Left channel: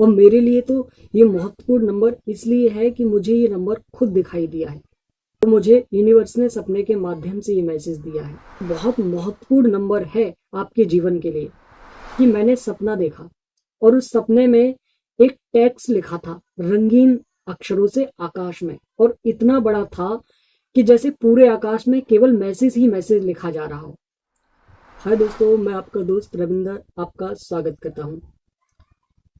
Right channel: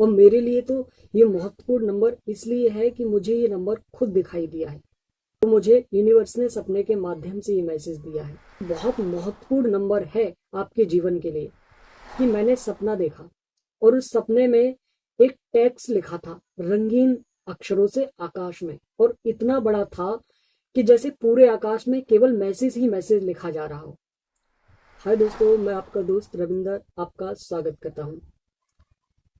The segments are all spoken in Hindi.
और मेरे लिए तो ये महत्वपूर्ण नंबर इसलिए है कि मुझे ये नंबर खुद दिखाई दिया है। तो मुझे यूनिवर्स ने सपने के माध्यम से ये मैसेज दिया है। बहुत महत्वपूर्ण नंबर है आपके जीवन के लिए कि मैंने सपना देखा और उस सपने में एक टेक्स्ट लिखा था रंगीन अक्षरों से आकाश में, और इतना बड़ा था कि जैसे पूरे आकाश में केवल मैसेज ही मैसेज लिखा जा रहा हो। हाय दोस्तों, मैं आपका दोस्त रविंदर आपका स्वागत करता हूँ।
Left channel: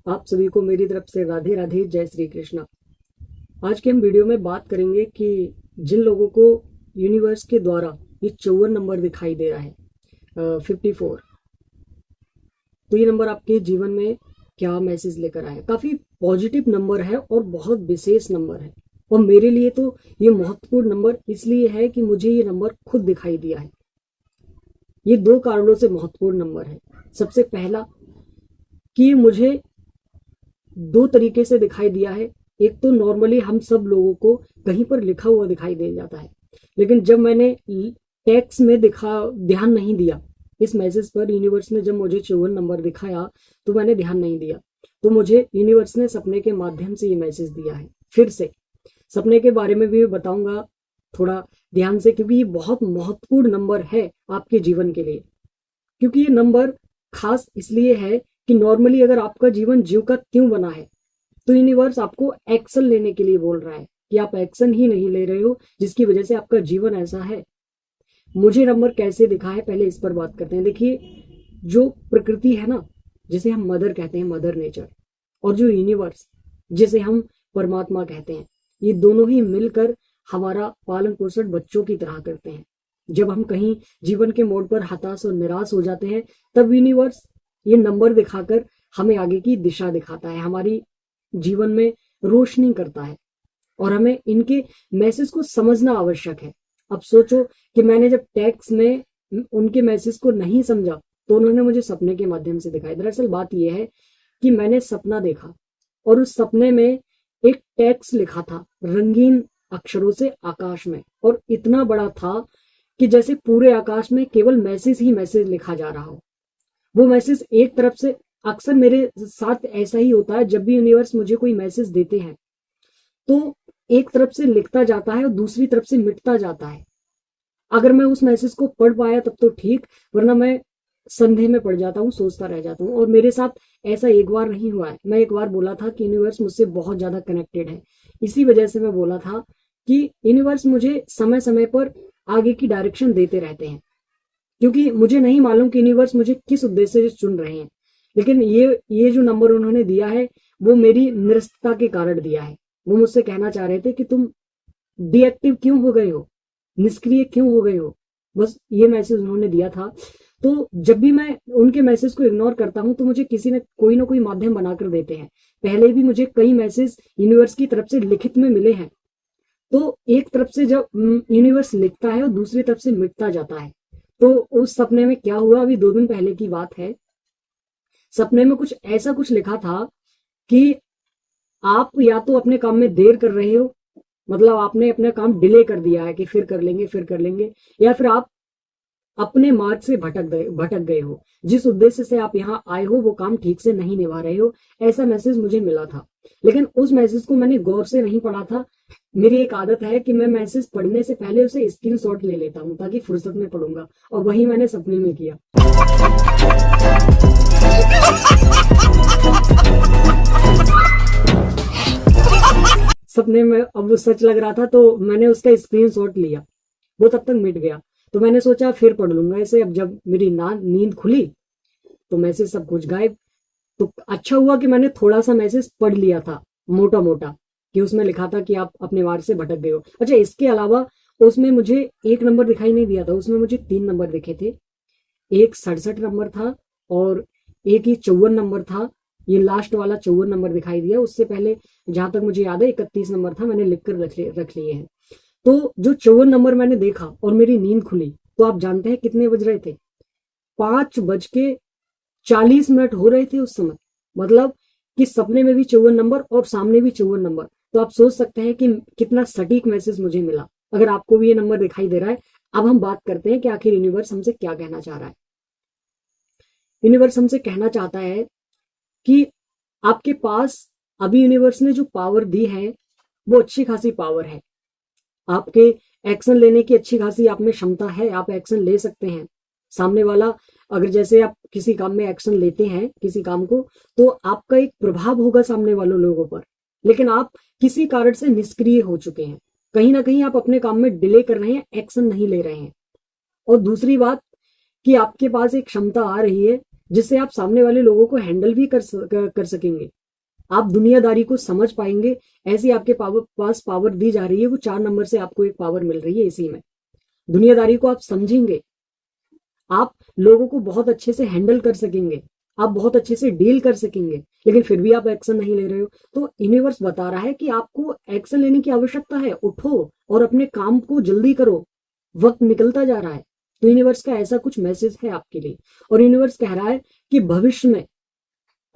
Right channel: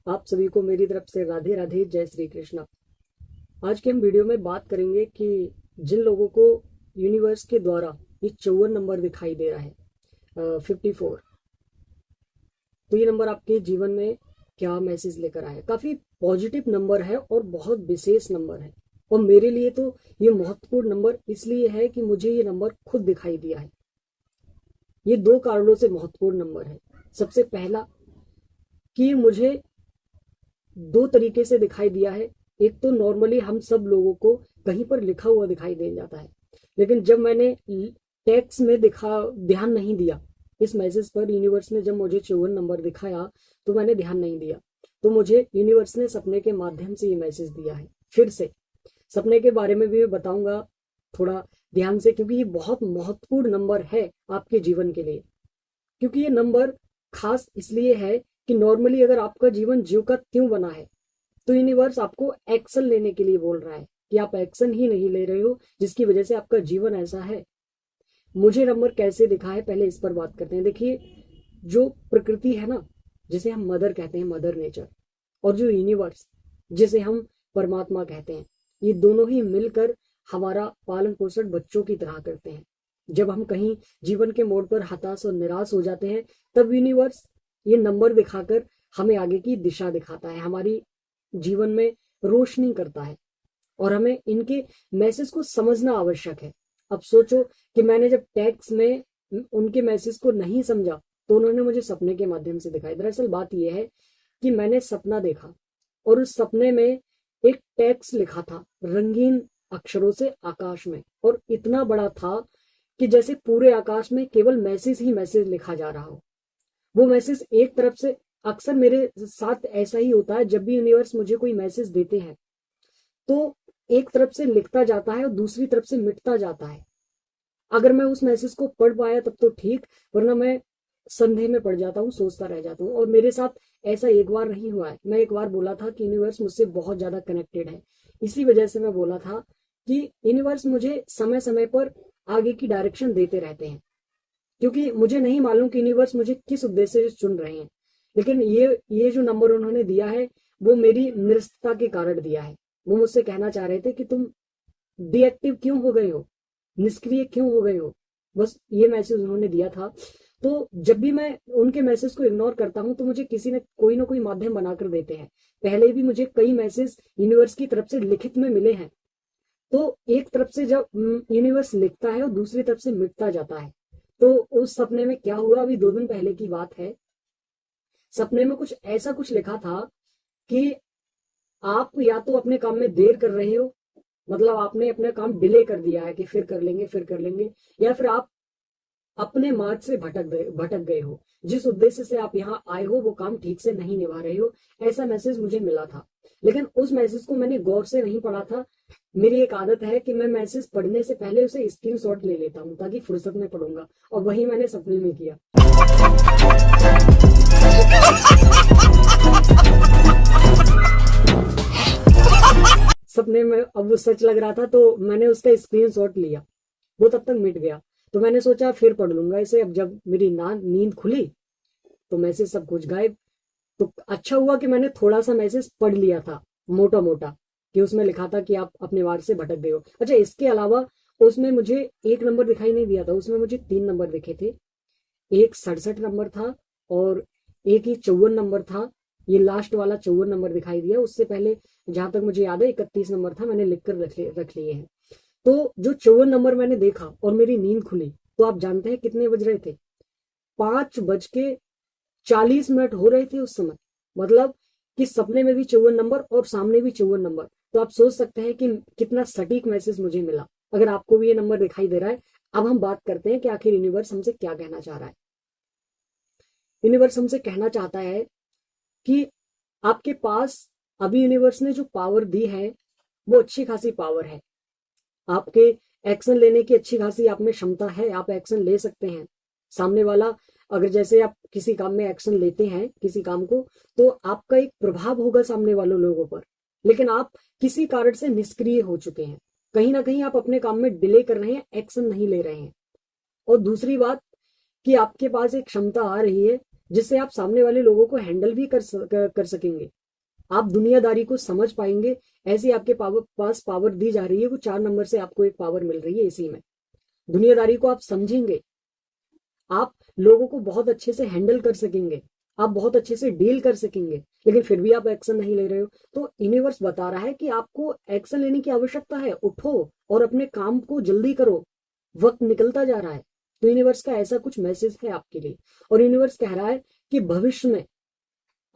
आप सभी को मेरी तरफ से राधे राधे, जय श्री कृष्णा। आज के हम वीडियो में बात करेंगे कि जिन लोगों को यूनिवर्स के द्वारा ये 54 नंबर दिखाई दे रहा है, 54, तो ये नंबर आपके जीवन में क्या मैसेज लेकर आया। काफी पॉजिटिव नंबर है और बहुत विशेष नंबर है, और मेरे लिए तो ये महत्वपूर्ण नंबर इसलिए है कि मुझे ये नंबर खुद दिखाई दिया है। ये दो कारणों से महत्वपूर्ण नंबर है। सबसे पहला कि मुझे दो तरीके से दिखाई दिया है। एक तो नॉर्मली हम सब लोगों को कहीं पर लिखा हुआ दिखाई दे जाता है, लेकिन जब मैंने टेक्स्ट में ध्यान नहीं दिया इस मैसेज पर, यूनिवर्स ने जब मुझे 54 नंबर दिखाया तो मैंने ध्यान नहीं दिया, तो मुझे यूनिवर्स ने सपने के माध्यम से ये मैसेज दिया है। फिर से सपने के बारे में भी बताऊंगा थोड़ा ध्यान से, क्योंकि ये बहुत महत्वपूर्ण नंबर है आपके जीवन के लिए। क्योंकि ये नंबर खास इसलिए है कि नॉर्मली अगर आपका जीवन ज्यों का त्यों बना है, तो यूनिवर्स आपको एक्शन लेने के लिए बोल रहा है कि आप एक्शन ही नहीं ले रहे हो, जिसकी वजह से आपका जीवन ऐसा है। मुझे नंबर कैसे दिखा है, पहले इस पर बात करते हैं। देखिए, जो प्रकृति है ना, जिसे हम मदर कहते हैं, मदर नेचर, और जो यूनिवर्स जिसे हम परमात्मा कहते हैं, ये दोनों ही मिलकर हमारा पालन पोषण बच्चों की तरह करते हैं। जब हम कहीं जीवन के मोड़ पर हताश और निराश हो जाते हैं, तब यूनिवर्स ये नंबर दिखाकर हमें आगे की दिशा दिखाता है, हमारी जीवन में रोशनी करता है, और हमें इनके मैसेज को समझना आवश्यक है। अब सोचो कि मैंने जब टेक्स्ट में उनके मैसेज को नहीं समझा, तो उन्होंने मुझे सपने के माध्यम से दिखाया। दरअसल बात यह है कि मैंने सपना देखा और उस सपने में एक टेक्स्ट लिखा था रंगीन अक्षरों से आकाश में, और इतना बड़ा था कि जैसे पूरे आकाश में केवल मैसेज ही मैसेज लिखा जा रहा हो। वो मैसेज एक तरफ से, अक्सर मेरे साथ ऐसा ही होता है, जब भी यूनिवर्स मुझे कोई मैसेज देते हैं तो एक तरफ से लिखता जाता है और दूसरी तरफ से मिटता जाता है। अगर मैं उस मैसेज को पढ़ पाया तब तो ठीक, वरना मैं संदेह में पड़ जाता हूँ, सोचता रह जाता हूँ। और मेरे साथ ऐसा एक बार नहीं हुआ है। मैं एक बार बोला था कि यूनिवर्स मुझसे बहुत ज्यादा कनेक्टेड है, इसी वजह से मैं बोला था कि यूनिवर्स मुझे समय समय पर आगे की डायरेक्शन देते रहते हैं, क्योंकि मुझे नहीं मालूम कि यूनिवर्स मुझे किस उद्देश्य से चुन रहे हैं। लेकिन ये जो नंबर उन्होंने दिया है, वो मेरी निरस्तता के कारण दिया है। वो मुझसे कहना चाह रहे थे कि तुम डीएक्टिव क्यों हो गए हो, निष्क्रिय क्यों हो गए हो, बस ये मैसेज उन्होंने दिया था। तो जब भी मैं उनके मैसेज को इग्नोर करता हूँ, तो मुझे किसी ने कोई ना कोई माध्यम बनाकर देते हैं। पहले भी मुझे कई मैसेज यूनिवर्स की तरफ से लिखित में मिले हैं। तो एक तरफ से जब यूनिवर्स लिखता है और दूसरी तरफ से मिटता जाता है, तो उस सपने में क्या हुआ, अभी 2 दिन पहले की बात है। सपने में कुछ ऐसा कुछ लिखा था कि आप या तो अपने काम में देर कर रहे हो, मतलब आपने अपना काम डिले कर दिया है कि फिर कर लेंगे फिर कर लेंगे, या फिर आप अपने मार्ग से भटक गए हो, जिस उद्देश्य से आप यहाँ आए हो वो काम ठीक से नहीं निभा रहे हो। ऐसा मैसेज मुझे मिला था, लेकिन उस मैसेज को मैंने गौर से नहीं पढ़ा था। मेरी एक आदत है कि मैं मैसेज पढ़ने से पहले उसे स्क्रीनशॉट ले लेता हूँ, ताकि फुर्सत में पढ़ूंगा, और वही मैंने सपने में किया। सपने में अब वो सच लग रहा था, तो मैंने उसका स्क्रीनशॉट लिया। वो तब तक मिट गया, तो मैंने सोचा फिर पढ़ लूंगा इसे। अब जब मेरी नींद खुली तो मैसेज सब कुछ गायब। तो अच्छा हुआ कि मैंने थोड़ा सा मैसेज पढ़ लिया था, मोटा मोटा, कि उसमें लिखा था कि आप अपने मार्ग से भटक गए हो। अच्छा, इसके अलावा उसमें मुझे एक नंबर दिखाई नहीं दिया था, उसमें मुझे 3 नंबर दिखे थे। एक 67 नंबर था और एक ही 54 नंबर था। ये लास्ट वाला 54 नंबर दिखाई दिया। उससे पहले जहां तक मुझे याद है 31 नंबर था, मैंने लिख कर रख लिए हैं। तो जो 54 नंबर मैंने देखा और मेरी नींद खुली, तो आप जानते हैं कितने बज रहे थे? 5:40 हो रहे थे उस समय। मतलब कि सपने में भी 54 नंबर और सामने भी 54 नंबर। तो आप सोच सकते हैं कि कितना सटीक मैसेज मुझे मिला। अगर आपको भी ये नंबर दिखाई दे रहा है, अब हम बात करते हैं कि आखिर यूनिवर्स हमसे क्या कहना चाह रहा है। यूनिवर्स हमसे कहना चाहता है कि आपके पास अभी यूनिवर्स ने जो पावर दी है वो अच्छी खासी पावर है। आपके एक्शन लेने की अच्छी खासी आप में क्षमता है, आप एक्शन ले सकते हैं। सामने वाला अगर जैसे आप किसी काम में एक्शन लेते हैं किसी काम को, तो आपका एक प्रभाव होगा सामने वालों लोगों पर, लेकिन आप किसी कारण से निष्क्रिय हो चुके हैं। कहीं ना कहीं आप अपने काम में डिले कर रहे हैं, एक्शन नहीं ले रहे हैं। और दूसरी बात कि आपके पास एक क्षमता आ रही है जिससे आप सामने वाले लोगों को हैंडल भी कर सकेंगे। आप दुनियादारी को समझ पाएंगे, ऐसी आपके पास पावर दी जा रही है। वो 4 नंबर से आपको एक पावर मिल रही है। इसी में दुनियादारी को आप समझेंगे, आप लोगों को बहुत अच्छे से हैंडल कर सकेंगे, आप बहुत अच्छे से डील कर सकेंगे, लेकिन फिर भी आप एक्शन नहीं ले रहे हो। तो यूनिवर्स बता रहा है कि आपको एक्शन लेने की आवश्यकता है। उठो और अपने काम को जल्दी करो, वक्त निकलता जा रहा है। तो यूनिवर्स का ऐसा कुछ मैसेज है आपके लिए। और यूनिवर्स कह रहा है कि भविष्य में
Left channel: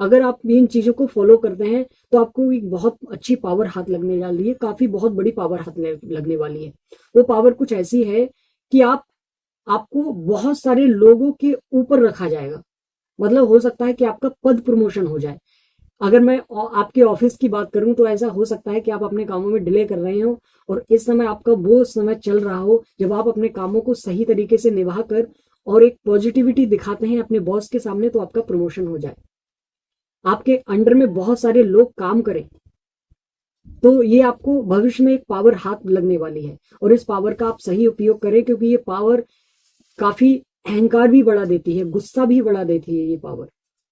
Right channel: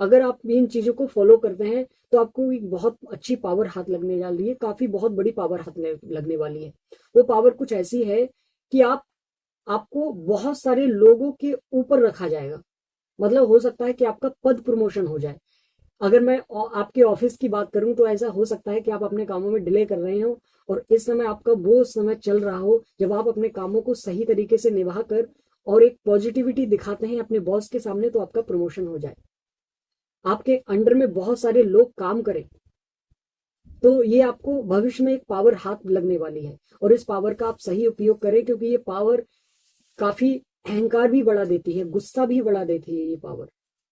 अगर आप इन चीजों को फॉलो करते हैं तो आपको एक बहुत अच्छी पावर हाथ लगने वाली है, काफी बहुत बड़ी पावर हाथ लगने वाली है। वो पावर कुछ ऐसी है कि आपको बहुत सारे लोगों के ऊपर रखा जाएगा। मतलब हो सकता है कि आपका पद प्रमोशन हो जाए। अगर मैं आपके ऑफिस की बात करूं तो ऐसा हो सकता है कि आप अपने कामों में डिले कर रहे हो और इस समय आपका वो समय चल रहा हो जब आप अपने कामों को सही तरीके से निभा कर और एक पॉजिटिविटी दिखाते हैं अपने बॉस के सामने, तो आपका प्रमोशन हो जाए, आपके अंडर में बहुत सारे लोग काम करें। तो ये आपको भविष्य में एक पावर हाथ लगने वाली है और इस पावर का आप सही उपयोग करें, क्योंकि ये पावर काफी अहंकार भी बढ़ा देती है, गुस्सा भी बढ़ा देती है ये पावर।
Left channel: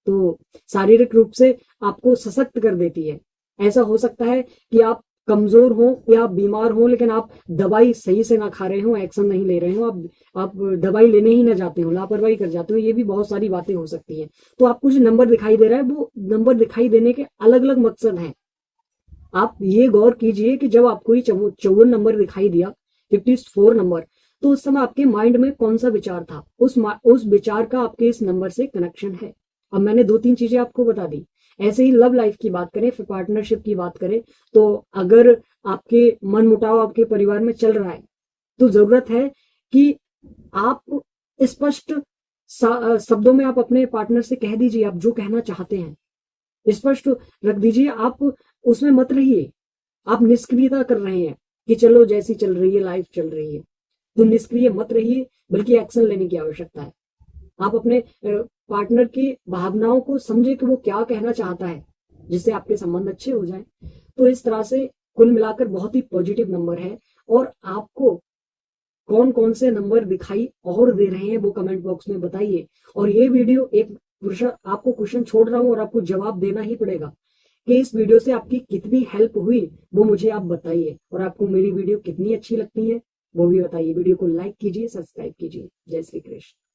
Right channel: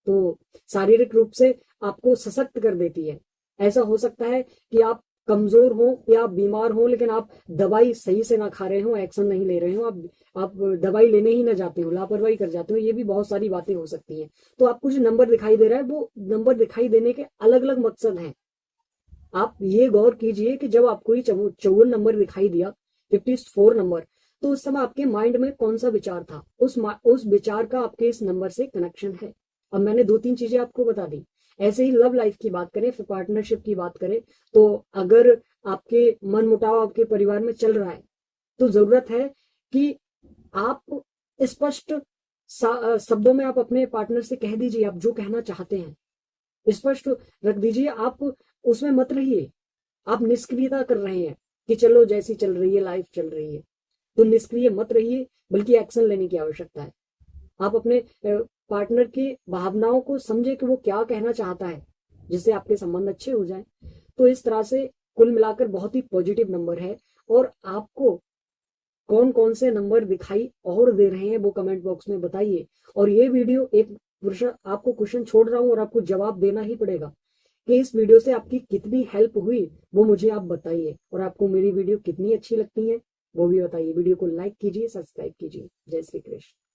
तो शारीरिक रूप से आपको सशक्त कर देती है। ऐसा हो सकता है कि आप कमजोर हो या आप बीमार हो, लेकिन आप दवाई सही से ना खा रहे हो, एक्शन नहीं ले रहे हो, आप दवाई लेने ही ना जाते हो, लापरवाही कर जाते हो। ये भी बहुत सारी बातें हो सकती हैं। तो आपको जो नंबर दिखाई दे रहा है वो नंबर दिखाई देने के अलग अलग मकसद हैं। आप ये गौर कीजिए कि जब आपको ये 54 नंबर दिखाई दिया, 54 नंबर, तो उस समय आपके माइंड में कौन सा विचार था, उस विचार का आपके इस नंबर से कनेक्शन है। अब मैंने 2-3 चीजें आपको बता दी। ऐसे ही लव लाइफ की बात करें, फिर पार्टनरशिप की बात करें, तो अगर आपके मन मुटाव आपके परिवार में चल रहा है तो जरूरत है कि आप स्पष्ट शब्दों में आप अपने पार्टनर से कह दीजिए आप जो कहना चाहते हैं, स्पष्ट रख दीजिए। आप उसमें मत रहिए, आप निष्क्रियता कर रहे हैं कि चलो जैसी चल रही है लाइफ चल रही है, तो निष्क्रिय मत रहिए, बल्कि एक्शन लेने की आवश्यकता है। आप अपने पार्टनर की भावनाओं को समझे कि वो क्या कहना चाहता है, जिससे आपके संबंध अच्छे हो जाए। तो इस तरह से कुल मिलाकर बहुत ही पॉजिटिव नंबर है। और आपको कौन कौन से नंबर दिखाई और दे रहे हैं वो कमेंट बॉक्स में बताइए। और ये वीडियो एक आपको क्वेश्चन छोड़ रहा हूँ और आपको जवाब देना ही पड़ेगा कि इस वीडियो से आपकी कितनी हेल्प हुई, वो मुझे आप बताइए। और आपको मेरी वीडियो कितनी अच्छी लगती है वो भी बताइए। वीडियो को लाइक कीजिए, सब्सक्राइब कीजिए। जय श्री कृष्ण।